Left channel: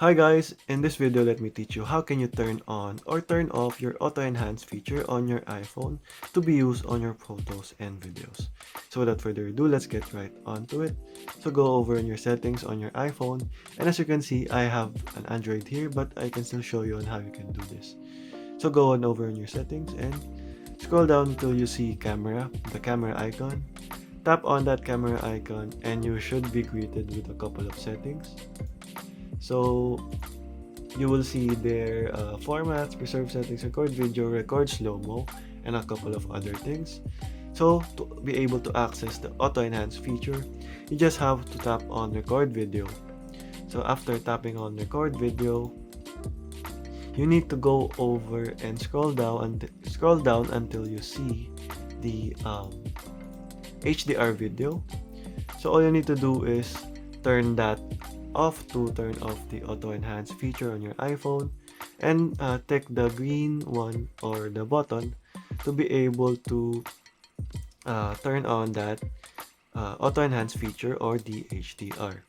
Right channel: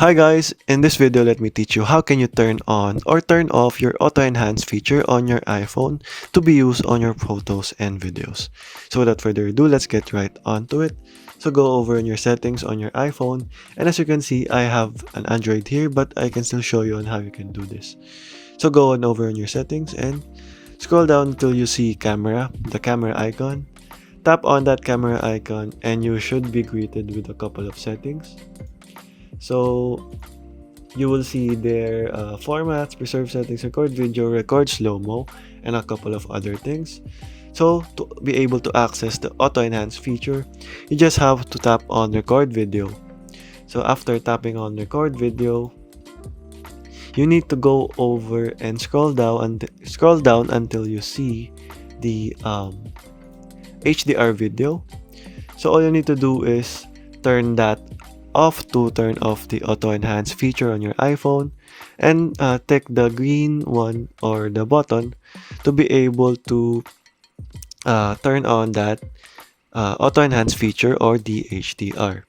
Hi guys, in this video let me teach you how can you turn on or turn off your auto enhance feature on your iPhone to be used on your photos and videos. So without further ado, let's get right onto it. So go over in your settings on your iPhone, and as you can see I have an Android here, but I can still show you on how you can do this. So go on over in your settings and scroll down until you see camera, the camera icon. Tap on that camera icon and you should be greeted with a couple of settings. So you will see their formats, preserve settings, record video, record slow-mo, and a couple of other things. So to be able to access the auto enhance feature, you just have to tap on record video. So after tapping on record video, you need to go over and scroll down until you see the HDR video. So all you need to do is turn that off to turn off the auto enhance feature on your iPhone, and take the green one or the button to be able to turn on that auto enhance feature or the HDR.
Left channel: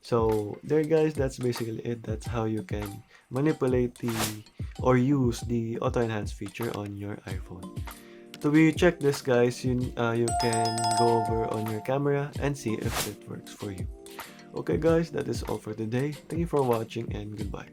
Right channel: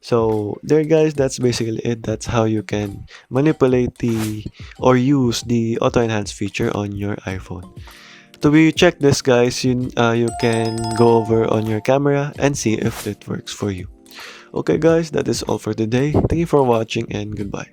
So there guys, that's basically it. That's how you can manipulate the or use the auto enhance feature on your iPhone. To be check this guys, you can go over on your camera and see if it works for you. Okay guys, that is all for today. Thank you for watching and goodbye.